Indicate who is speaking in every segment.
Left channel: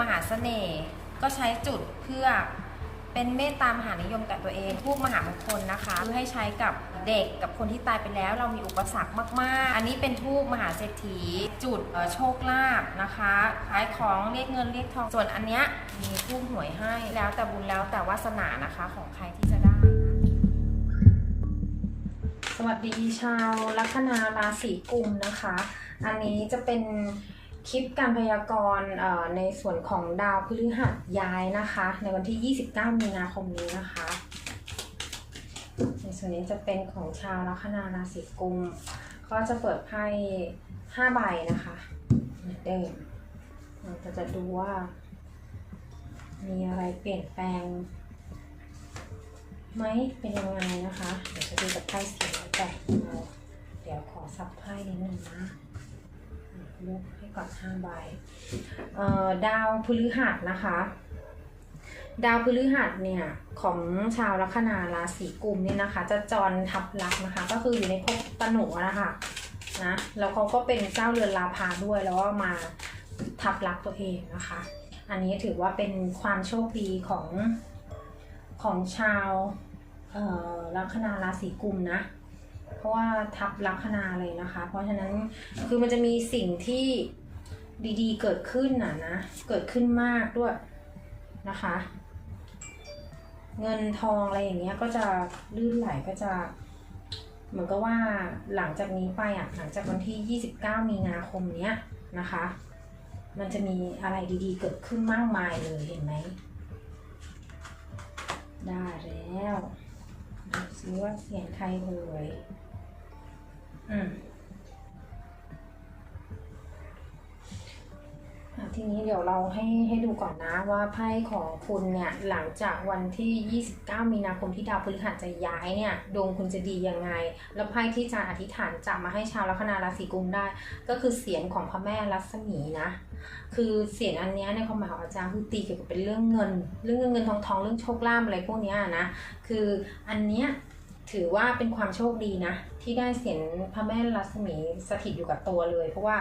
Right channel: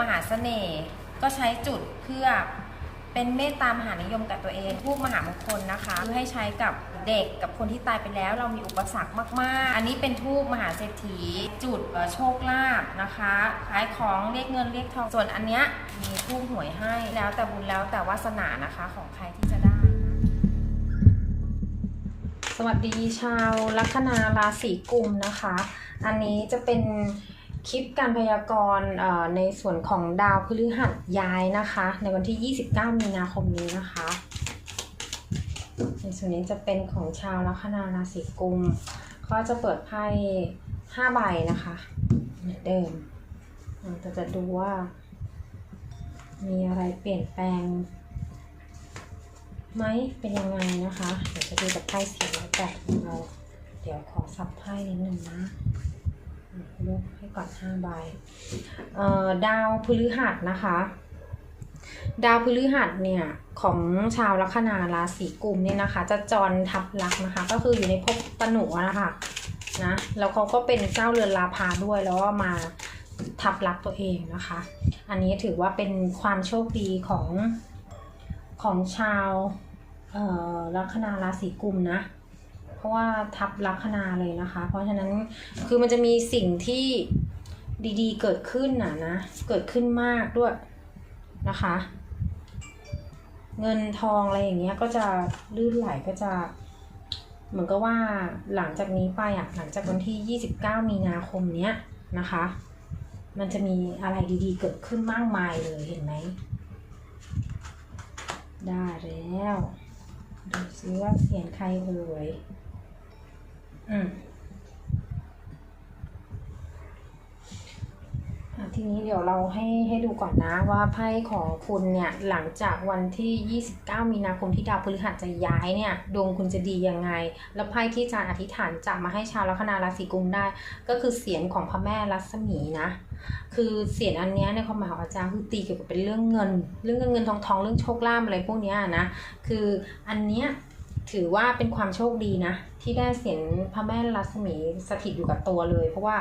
Speaker 1: มหาเสน่ห์ก็ใช้จุดเพื่อเป็นเมตตามหานิยมกับตัวเองทูบมหามงคลนะคะเพื่อให้ใช้กับเด็กกับคนที่ตายไปแล้ว เรามีอุปสรรคมาก ๆ อันนี้เป็นทูบมหาเศรษฐี จุดโชคลาภนะคะขายของเรียกเงินเรียกทองส่วนอันเนี้ยมีทูบหวยให้แล้วแต่บุญแล้วแต่วาสนานะคะของใครที่จะได้นะสวัสดีชาวลัคนาราศีกุมนะคะ อันนี้จะเป็น คลิปการพยากรณ์ในส่วนของดาวพฤหัสย้ายนะคะ ในวันที่ 29 มีนาคมนี้นะคะ ในส่วนนี้จะเป็นของชาวลัคนาราศีกุมก็จะเปิดไพ่5ใบนะคะเหมือนเดิมเราจะดูว่า มีอะไรเปลี่ยนแปลงไหมเป็นยังไงนะคะ เดี๋ยวจะดูจากไพ่สีแบบเราเดี๋ยวขอสับไพ่นิดนึงนะ ลูกให้ก่อนห้าใบเอ่อดาวพฤหัสนะคะ ดาวพฤหัสเนี่ยของชาวลัคนาราศีกุมเนี่ยนะคะ จะจรทับลักนะคะ ก็คืออยู่ในภพตนุนะคะนะแล้วเขาก็เป็นเจ้าเรือนลาพาด้วยแล้วก็มาทับลักตัวเองนะคะ อันนี้ถือว่าเป็นความโชคดีของของชาวเออลัคนาราศีกุมนะ เพราะว่าทับลัคนาเลยนะคะ เพราะฉะนั้นคือมันจะมีสิ่งที่ดีๆ เกิดขึ้นน่ะนะ เกิดขึ้นมากด้วยนะคะ เงินทองอะไรอย่างเงี้ยก็จะลื่นไหลก็จะ เหมือนกับว่าหลังจากนี้ไปอะหลังจากวันที่ 29 มีนาคมเนี้ยนะคะ มันจะมีอะไรดีๆ เกิดขึ้นมากมายเลยเห็นไหมได้แล้วดูซิว่าเสียงใครเอ่ย ทีนี้เดี๋ยวเราให้ให้ดูก่อนนะว่าไพ่ของคุณเนี่ยหลังจากวันที่ 29 มีนาคมที่ดาวพฤหัสจะย้ายเนี่ยดวงคุณจะดียังไง แล้วไพ่ที่อาจารย์อธิษฐานจะมาให้ชาวลัคนาราศีกุมได้ ก็คือเสียงของพระแม่รัศมีนะ คือเสียงอันเนี้ยในความหมายของอาจารย์คือตีเกี่ยวกับเป็นเรื่องเงิน เรื่องเงินเงินทองทองเรื่องโชคลาภอะไรพวกเนี้ยนะ คืออันเนี้ย ถือว่าเป็นความโชคดีนะ ที่ได้เสียงพระแม่รัศมีสถิตอยู่กับตัวเลย เพราะว่า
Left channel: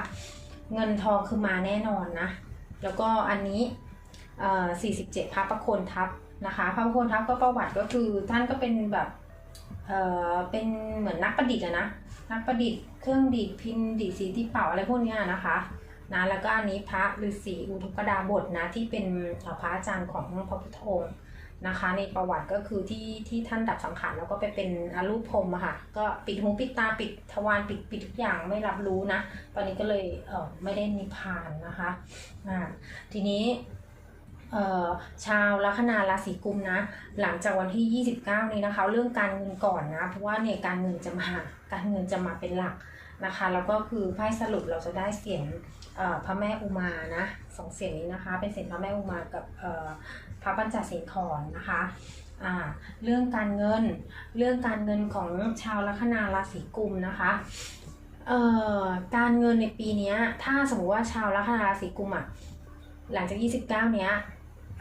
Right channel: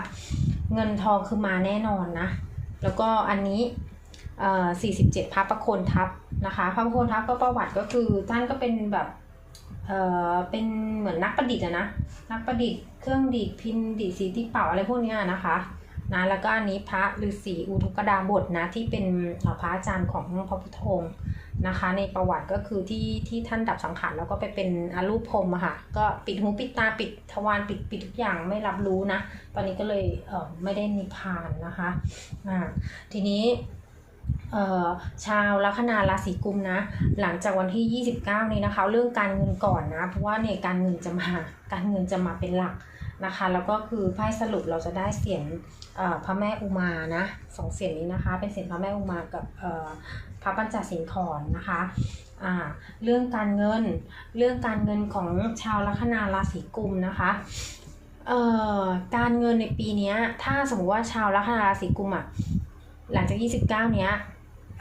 Speaker 1: เงินทองคือมาแน่นอนนะ แล้วก็อันนี้เอ่อ47พระประโคนทัพนะคะ พระประโคนทัพก็ประวัติก็คือท่านก็เป็นแบบเอ่อเป็นเหมือนนักประดิษฐ์นะนักประดิษฐ์เครื่องดีดพินดีดสีที่เป่าอะไรพวกนี้นะคะนะแล้วก็อันนี้พระฤาษีอุทุกดาบทนะที่เป็นพระอาจารย์ของพระพุทธองค์ นะคะ ในประวัติก็คือที่ที่ท่านดับสังขารแล้วก็ไปเป็นอารูปพรมอะค่ะ ก็ปิดหูปิดตาปิดทวารปิดปิดทุกอย่างไม่รับรู้นะ ตอนนี้ก็เลยเออไม่ได้นิพพานนะคะอ่าทีนี้ชาวลัคนาราศีกุมนะ หลังจากวันที่ 29 นี้นะคะ เรื่องการเงินก่อนนะ เพราะว่าเนี่ยการเงินจะมาการเงินจะมาเป็นหลักนะคะ แล้วก็คือไพ่สรุปเราจะได้เสียงพระแม่อุมานะสองเสียงนี้นะคะ เป็นเสียงพระแม่อุมากับ พระปัญจสิงขรนนะคะอ่าเรื่องการเงินเรื่องการเงินของชาวลัคนาราศีกุมนะคะเอ่อการเงินในปีนี้ถ้าสมมติว่าชาวลัคนาราศีกุมอะหลังจาก 29 เนี้ย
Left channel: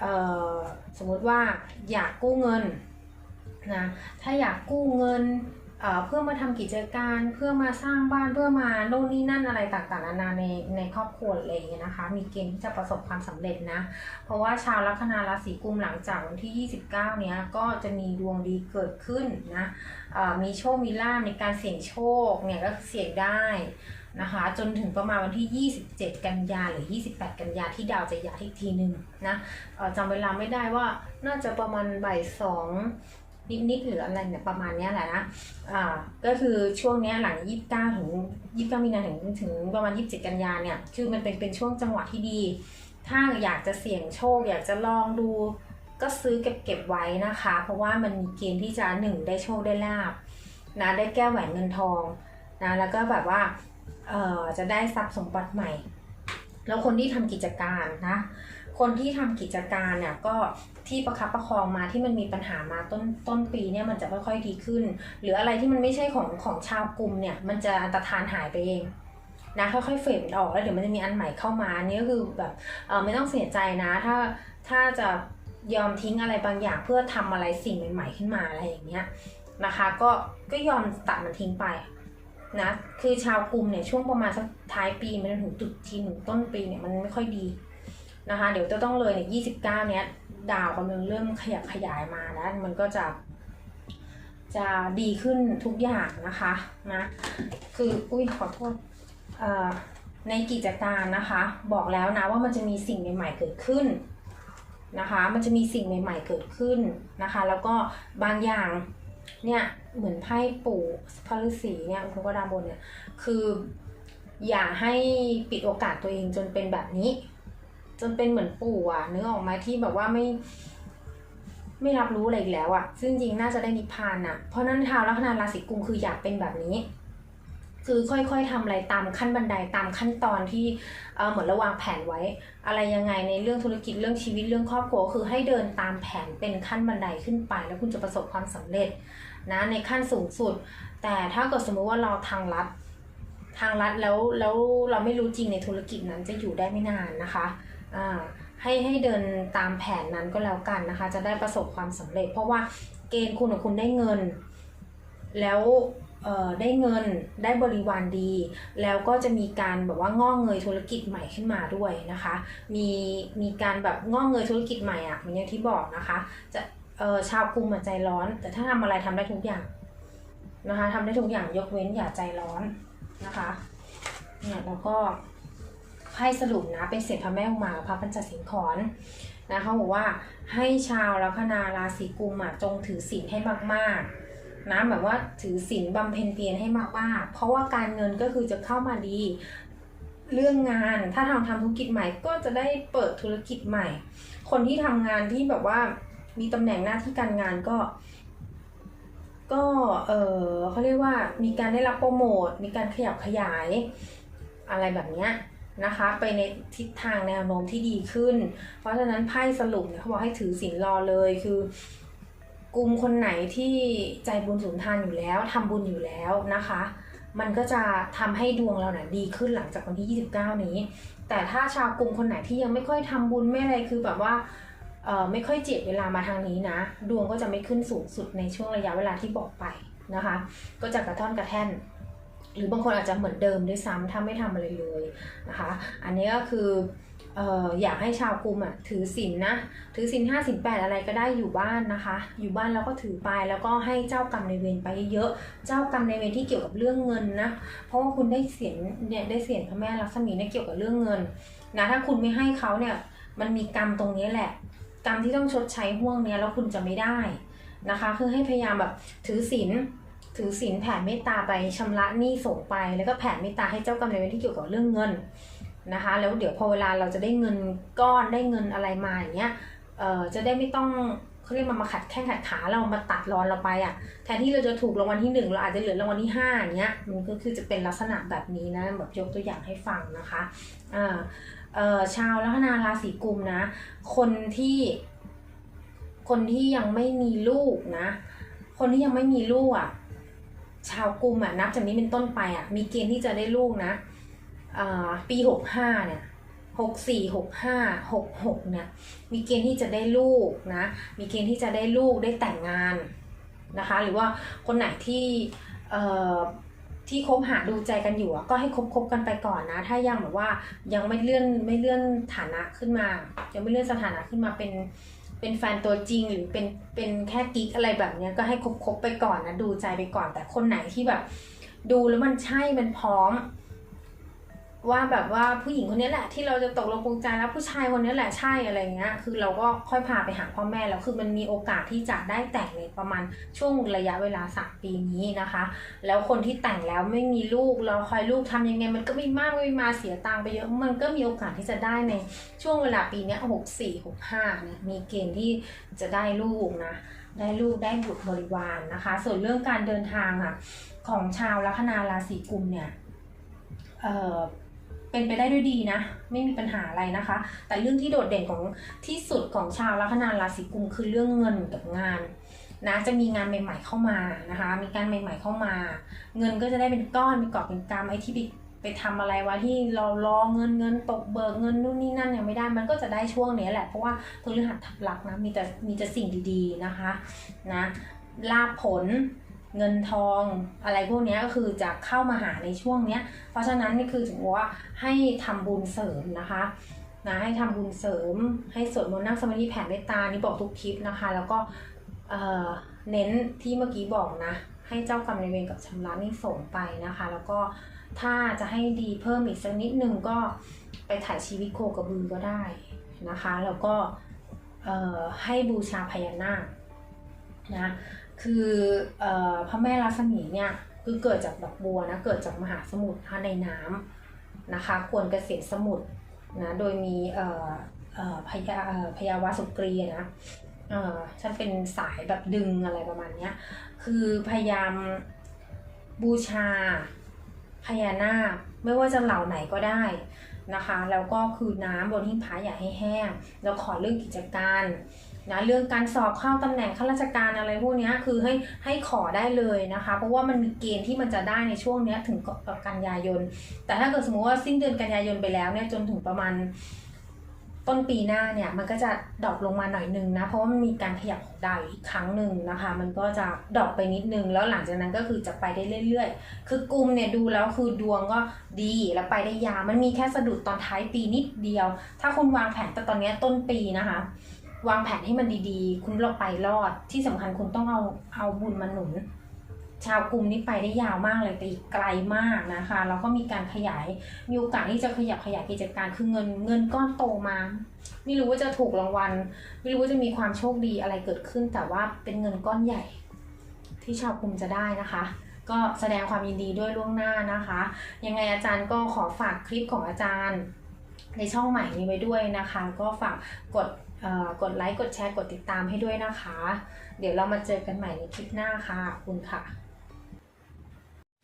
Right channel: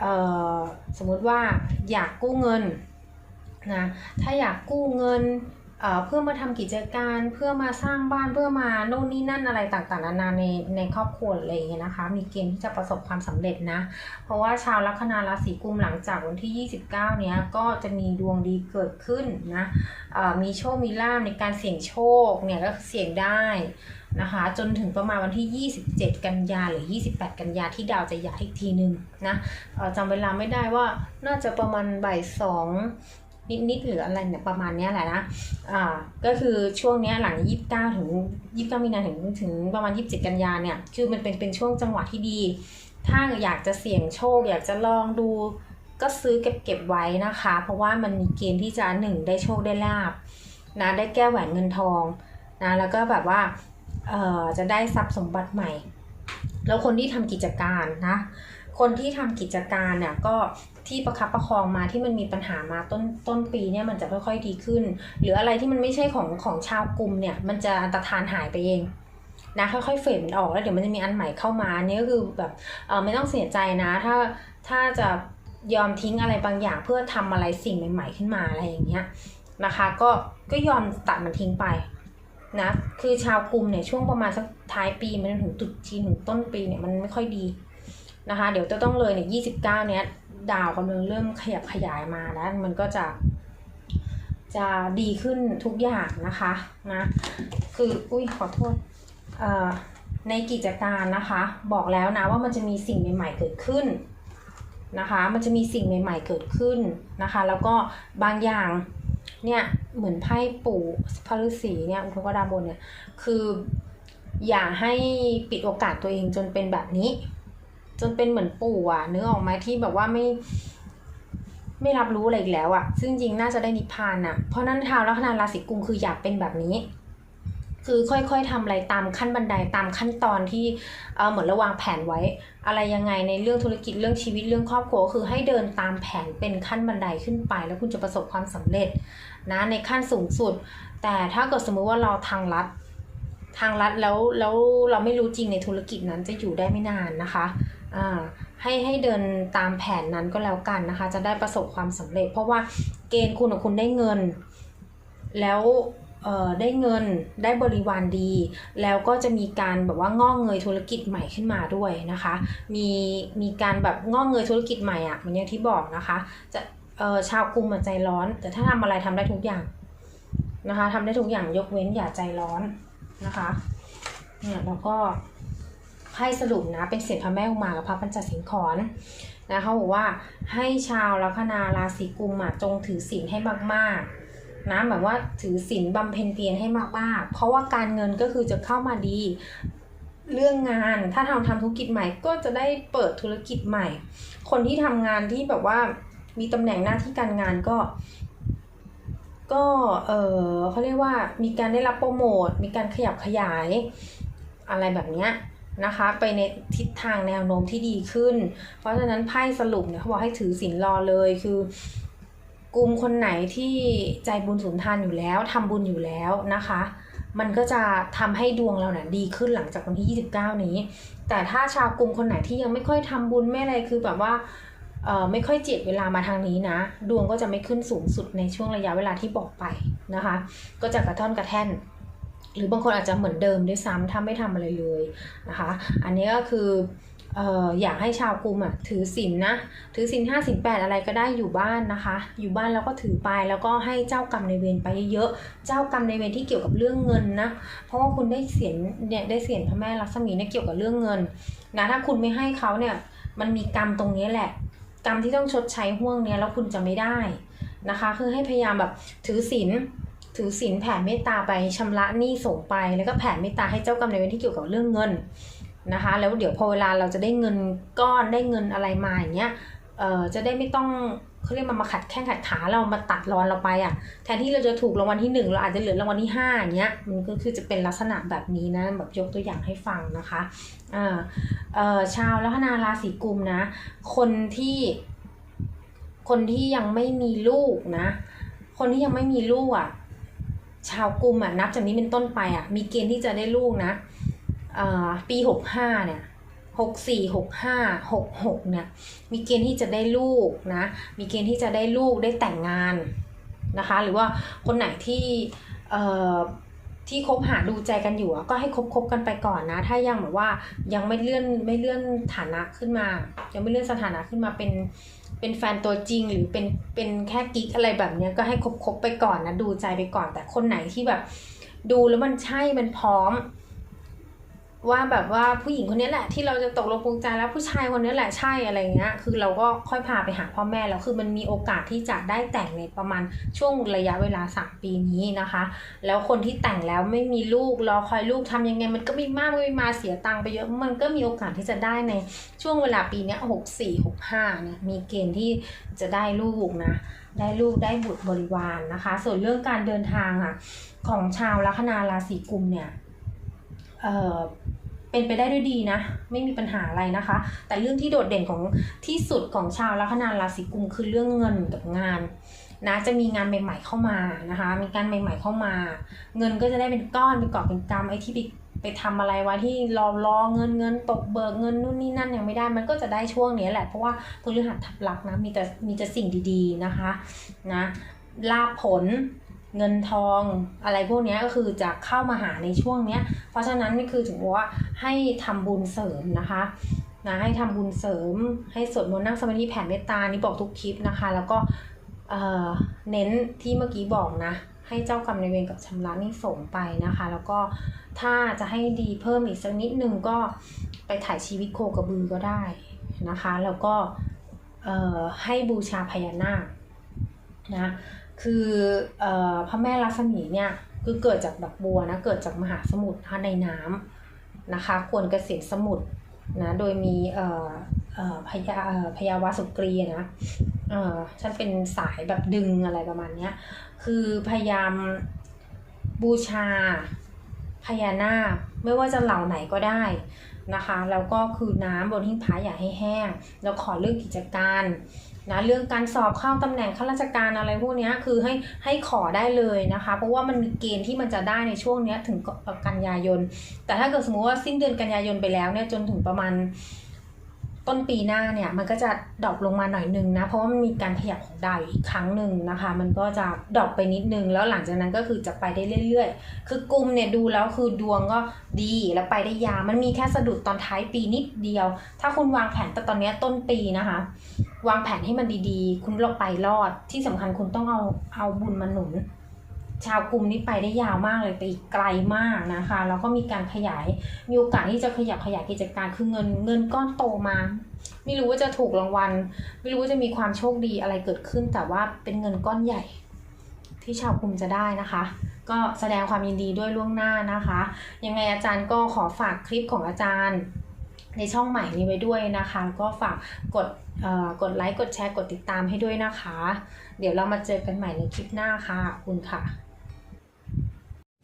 Speaker 1: เอ่อสมมติว่าอยากกู้เงินนะถ้าอยากกู้เงิน เพื่อมาทำกิจการเพื่อมาสร้างบ้านเพื่อมาโน่นนี่นั่นอะไรต่างๆนานาในในครอบครัวอะไรอย่างเงี้ยนะคะ มีเกณฑ์ที่จะประสบความสำเร็จนะ เพราะว่าชาวลัคนาราศีกุมหลังจากวันที่ 29 เนี้ยก็จะมีดวงดีเกิดขึ้นนะมีโชคมีลาภในการเสี่ยงโชคเนี่ยก็เสี่ยงได้นะคะจนถึงประมาณวันที่ 27 กันยาหรือ 28 กันยาที่ดาวจะย้ายอีกทีหนึ่งนะจำเวลาไม่ได้ว่าน่าจะประมาณบ่ายสอง นิดๆหรืออะไรเนี่ยประมาณนี้แหละนะอ่าก็คือช่วงนี้หลัง 29 ถึง 29 มีนาถึงถึงประมาณ 27 กันยาเนี่ยคือมันเป็นเป็นช่วงจังหวะที่ดี ถ้าอยากจะเสี่ยงโชค อยากจะลองดู ก็ซื้อเก็บเก็บไว้นะคะ เพราะว่ามันมีเกณฑ์ที่จะหนึ่งได้โชคได้ลาบนะได้แก้แหวนเงินทองนะแล้วก็แบบว่าเอ่อจะได้ทรัพย์สมบัติใหม่ แล้วคนที่ทำกิจการนะคนที่ทำกิจการเนี่ยก็ ที่ประคับประคองมาที่มันมีปัญหามาต้นต้นปีเนี่ยมันจะค่อยๆดีขึ้น หรืออะไรที่มันไม่ใช่ของของชาวกลุ่มเนี่ยมันจะอันตรธานหายไปเองนะค่อยๆเฟดมันออกแล้วเดี๋ยวมันจะมีอันใหม่เข้ามาอันนี่ก็คือแบบเออไม่ต้องเสียใจนะ ถ้าถ้าจะยอมทิ้งอะไรบางอย่างเพื่อทำอะไรสิ่งใหม่ ๆขึ้นมาอะไรอย่างเงี้ยนะคะ ก็ก็ยอมตัดมันทิ้งไปนะคือชาวกลุ่มเนี่ยช่วงประมาณสักท้ายปีมันถึงตุดจีนถึงต้นปีเนี่ยมันไม่ค่อยดีนะคะ เดี๋ยวจะต้องเลยเนี่ยยี่สิบเก้าเนี้ย ดาวกำลังเริ่มขยับขยายมานะ มันก็จะจะดีขึ้นทุกอย่างนะคะนะคืออุ้ยขอโทษเอ่อในกิจการนะคะ บอกแล้วนะว่ามันจะมีสิ่งใหม่ ๆ เกิดขึ้นนะคะ มันจะมีสิ่งใหม่ ๆ เกิดขึ้นนะคะ แล้วก็บางอย่างเนี่ยเหมือนไพ่ปู่พระฤาษีเนี่ยอุปกรดาบนเนี่ยคืออย่าให้ปิดโอกาสตัวเองจนเป็นแบบนี้ จนเป็นเหมือนปู่อะนึกออกไหมที่แบบว่าไม่ ไม่รับรู้อะไรอีกแล้วอะซึ่งจริงน่าจะได้นิพพานอะเพราะนั้นชาวลัคนาราศีกุมคืออยากเป็นแบบนี้ คือค่อยๆทำอะไรตามขั้นบันไดตามขั้นตอนที่เออเหมือนระวางแผนไว้ อะไรยังไงในเรื่องธุรกิจเรื่องชีวิตเรื่องครอบครัวคือให้เดินตามแผนเป็นขั้นบันไดขึ้นไป แล้วคุณจะประสบความสำเร็จนะในขั้นสูงสุด แต่ถ้าเกิดสมมุติว่าเราทางลัด ทางลัดแล้วแล้วเราไม่รู้จริงในธุรกิจนั้นจะอยู่ได้ไม่นานนะคะอ่าให้ให้เดินตามแผนนั้นก็แล้วกันนะคะ จะได้ประสบความสำเร็จ เพราะว่าเกณฑ์คุณกับคุณได้เงิน แล้วได้เงินได้บริวารดี แล้วก็จะมีการแบบว่างอกเงยธุรกิจใหม่ขึ้นมาด้วยนะคะ มีมีการแบบงอกเงยธุรกิจใหม่อะ่ะเหมือนอย่างที่บอกนะคะ จะชาวกรุงมันใจร้อน แต่ถ้าทำอะไรทำได้ทุกอย่างนะคะทำได้ทุกอย่างยกเว้นอย่าใจร้อน นะคะ เนี่ยแล้วก็ไพ่สรุปนะเป็นเสียงพระแม่อุมากับพระปัญจสิงขรนะเขาบอกว่าให้ชาวลัคนาราศีกุมอะจงถือศีลให้มากๆนะแบบว่าถือศีลบำเพ็ญเพียรให้มากๆ เพราะว่าการเงินก็คือจะเข้ามาดีเรื่องงานถ้าทำทำธุรกิจใหม่ก็จะได้เปิดธุรกิจใหม่ คนที่ทำงานที่แบบว่ามีตำแหน่งหน้าที่การงานก็ ก็เออเขาเรียกว่ามีการได้รับโปรโมท มีการขยับขยายอะไรแบบเนี้ยนะคะไปในทิศทางแนวโน้มที่ดีขึ้น เพราะฉะนั้นไพ่สรุปเนี่ยเขาบอกให้ถือศีลรอเลยคือกลุ่มคนไหนที่ใจบุญสุนทานอยู่แล้วทำบุญอยู่แล้วนะคะ มันก็จะทำให้ดวงเราเนี่ยดีขึ้นหลังจากวันที่ 29 นี้ แต่ถ้าชาวกลุ่มคนไหนที่ยังไม่ค่อยทำบุญไม่อะไรคือแบบว่า ไม่ค่อยเจียดเวลามาทางนี้นะ ดวงก็จะไม่ขึ้นสูงสุดในช่วงระยะเวลาที่บอกไปนะคะ ก็จะกระท่อนกระแท่น หรือบางคนอาจจะเหมือนเดิมด้วยซ้ำถ้าไม่ทำอะไรเลยนะคะ อันนี้ก็คืออยากให้ชาวกรุมอะถือศีลนะถือศีลห้าศีลแปดอะไรก็ได้อยู่บ้านนะคะ อยู่บ้านแล้วก็ถือไปแล้วก็ให้เจ้ากรรมในเวรไปเยอะเจ้ากรรมในเวรที่เกี่ยวกับเรื่องเงินนะเพราะว่าคุณได้เสียนเนี่ยได้เสียนพระแม่ลักษมีเนี่ยเกี่ยวกับเรื่องเงินนะถ้าคุณไม่ให้เขาเนี่ยมันมีกรรมตรงนี้แหละ กรรมที่ต้องชดใช้ห่วงเนี้ยแล้วคุณจะไม่ได้นะคะ คือให้พยายามแบบถือศีลถือศีลแผ่เมตตาไปชำระหนี้ส่งไป แล้วก็แผ่เมตตาให้เจ้ากรรมนายเวรที่เกี่ยวกับเรื่องเงินนะคะ แล้วเดี๋ยวพอเวลาเราจะได้เงินก้อนได้เงินอะไรมาอย่างเงี้ยเออจะได้ไม่ต้อง เขาเรียกมามาขัดแข้งขัดขาเรามาตัดรอนเราไปอะ แทนที่เราจะถูกรางวัลที่หนึ่งเราอาจจะเหลือรางวัลที่ห้าอย่างเงี้ยมันก็คือจะเป็นลักษณะแบบนี้นะแบบยกตัวอย่างให้ฟังนะคะเอ่อเอ่อชาวลัคนาราศีกุมนะ คนที่ คนที่ยังไม่มีลูกนะ คนที่ยังไม่มีลูกอะชาวกุมอะนับจากนี้เป็นต้นไปอะมีเกณฑ์ที่จะได้ลูกนะเอ่อปีหกห้าเนี่ย หกสี่หกห้าหกหกเนี่ยมีเกณฑ์ที่จะได้ลูกนะมีเกณฑ์ที่จะได้ลูกได้แต่งงานนะคะหรือว่าคนไหนที่เอ่อที่คบหาดูใจกันอยู่ก็ให้คบคบกันไปก่อนนะ ถ้ายังแบบว่ายังไม่เลื่อนไม่เลื่อนฐานะขึ้นมา ยังไม่เลื่อนสถานะขึ้นมาเป็นเป็นแฟนตัวจริงหรือเป็นเป็นแค่กิ๊กอะไรแบบเนี้ยก็ให้คบคบไปก่อนนะดูใจไปก่อน แต่คนไหนที่แบบ ดูแล้วมันใช่มันพร้อม ว่าแบบว่าผู้หญิงคนนี้แหละที่เราจะตกลงปรงใจแล้วผู้ชายคนนี้แหละใช่อะไรเงี้ย คือเราก็ค่อยพาไปหาพ่อแม่แล้วคือมันมีโอกาสที่จะได้แต่งในประมาณช่วงระยะเวลาสามปีนี้นะคะ แล้วคนที่แต่งแล้วไม่มีลูกรอคอยลูกทำยังไง มันก็ไม่มากไม่มาเสียตังค์ไปเยอะมันก็มีโอกาสที่จะได้ในช่วงเวลาปีนี้หกสี่หกห้าเนี่ยมีเกณฑ์ที่จะได้ลูกนะได้ลูกได้บุตรบริวารนนะคะ ส่วนเรื่องการเดินทางอะของชาวลัคนาราศีกุมเนี่ยเออ เป็นไปได้ด้วยดีนะ ไม่มีปัญหาอะไรนะคะ แต่เรื่องที่โดดเด่นของที่สุดของชาวลัคนาราศีกุมคือเรื่องเงินกับงานนะจะมีงานใหม่ ๆเข้ามานะคะ มีการใหม่ ๆเข้ามา เงินก็จะได้เป็นก้อนเป็นกอบเป็นกำไอ้ที่ไปไปทำอะไรไว้ที่รอรอเงินเงินตกเบิกเงินนู่นนี่นั่นยังไม่ได้มันก็จะได้ช่วงนี้แหละเพราะว่าพฤหัสทับลักนะมีแต่มีแต่สิ่งดีๆนะคะนะลาผล เงินทองอะไรพวกนี้ก็คือจะเข้ามาหาในช่วงเนี้ย เพราะฉะนั้นนี่คือถึงว่าให้ทำบุญเสริมนะคะนะให้ทำบุญเสริมให้สวดมนต์นั่งสมาธิแผ่เมตตานี่บอกทุกคลิปนะคะ แล้วก็เน้นที่เมื่อกี้บอกนะ ให้เจ้ากรรมในเวรกับชำระนี่ส่งไปนะคะ แล้วก็ถ้าจะให้ดีเพิ่มอีกสักนิดนึงก็ไปถ่ายชีวิตโคกระบือก็ได้นะคะ แล้วก็ให้บูชาพญานาคนะ คืออพระแม่ลักษมีเนี่ยคือเกิดจากดอกบัวนะเกิดจากมหาสมุทรในน้ำนะคะควรเกษตรสมุทรนะโดยมีพญาพญาวาสุกรีนะฉันเป็นสายแบบดึงอะไรประมาณเนี้ยคือพยายามบูชาพญานาคไม่ว่าจะเหล่าไหนก็ได้นะคะ แล้วก็คือน้ำบนหิ้งพระอย่าให้แห้ง แล้วขอเรื่องกิจการ นะเรื่องการสอบเข้าตำแหน่งข้าราชการอะไรพวกนี้คือให้ให้ขอได้เลยนะคะ เพราะว่ามันมีเกณฑ์ที่มันจะได้ในช่วงนี้ถึงกันยายน แต่ถ้าเกิดสมมติว่าสิ้นเดือนกันยายนไปแล้วเนี่ยจนถึงประมาณ ต้นปีหน้าเนี่ยมันก็จะดรอปลงมาหน่อยนึงนะ เพราะว่ามันมีการขยับของดาวอีกครั้งหนึ่งนะคะ มันก็จะดรอปไปนิดนึง แล้วหลังจากนั้นก็คือจะไปได้เรื่อยๆ คือกลุ่มเนี่ยดูแล้วคือดวงก็ดีแล้วไปได้ยาวมันมีแค่สะดุดตอนท้ายปีนิดเดียว ถ้าคุณวางแผนแต่ตอนนี้ต้นปีนะคะ วางแผนให้มันดีๆ คุณเราไปรอดที่สำคัญคุณต้องเอาเอาบุญมาหนุน ชาวกลุ่มนี้ไปได้ยาวมากเลยไปไกลมากนะคะแล้วก็มีการขยายมีโอกาสที่จะขยับขยายกิจการคือเงินเงินก้อนโตมา ไม่รู้ว่าจะถูกรางวัล ไม่รู้ว่าจะมีความโชคดีอะไรเกิดขึ้น แต่ว่าเป็นเงินก้อนใหญ่ ที่ชาวกลุ่มจะได้นะคะ ก็แสดงความยินดีด้วยล่วงหน้านะคะ ยังไงอาจารย์ก็ขอฝากคลิปของอาจารย์ในช่องใหม่นี้ไว้ด้วยนะคะ ก็ฝากกดกดไลค์กดแชร์กดติดตามให้ด้วยนะคะ เดี๋ยวเรามาเจอกันใหม่ในคลิปหน้าค่ะคุณค่ะ